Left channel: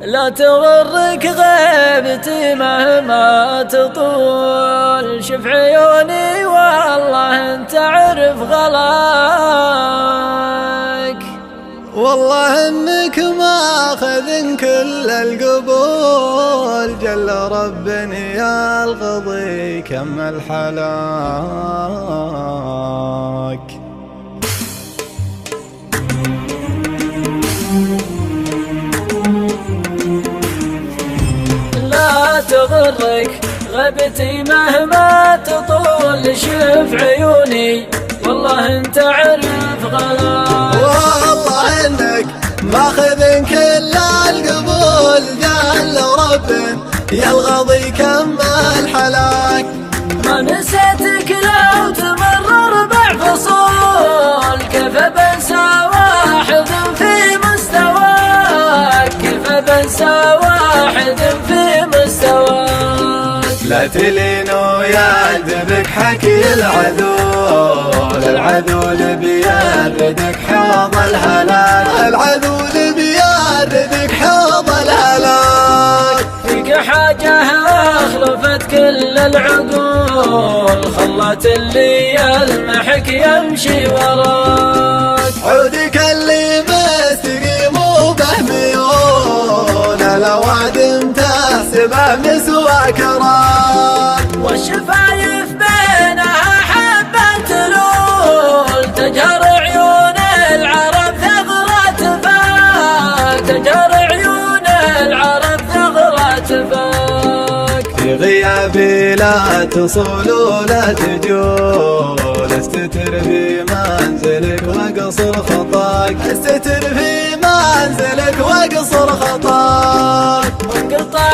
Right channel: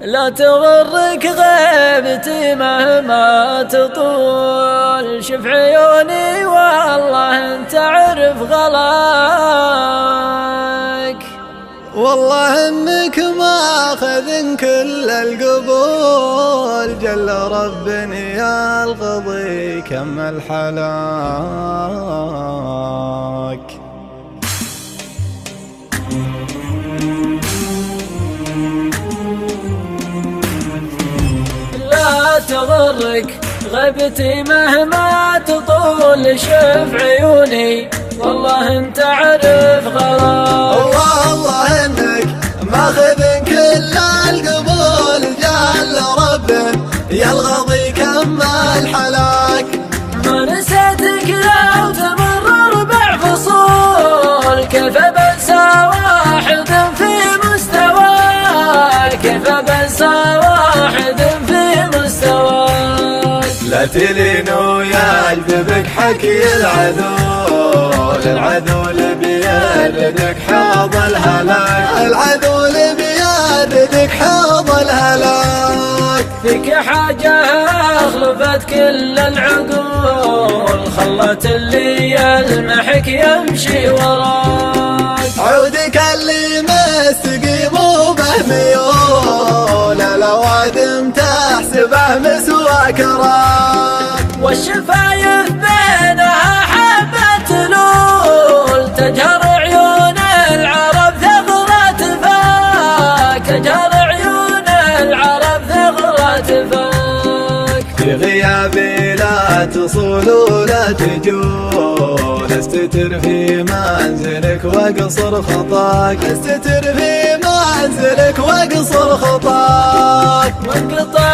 لا تغرك غيبتي مهما تطول، شوف عيوني والله انت عرف غلاك. والله انك ماخذ كل القبول، جل رب يا القضي كمل حلاك. لا تغرك غيبتي مهما تطول، شوف عيوني والله انت عرف غلاك. والله انك ماخذ كل القبول، جل رب يا القضي كمل حلاك. ما نسيتك لو تمر 4 فصول، كيف بنسى واحد في مستواك، كيف بنسى واحد في مستواك. لا تلين ويعذبك حكي العدو اللي بيردك حوض الهلاك، العدو اللي بيردك حوض الهلاك. فيك حاجة أخلفت كل العقول، خلت اللي يلمحك يمشي وراك. عودك اللي مستقيم وبه ميول، الأوادم تحسبه مسواك راك. والشفايف بينها حبة لول، تجهر عيون العرب ثغرة فاك، تجهر عيون العرب ثغرة فاك. في غيابي لا تصول ولا تجول، استتر في منزلك واقصر خطاك، استتر في منزلك واقصر خطاك. وانقطع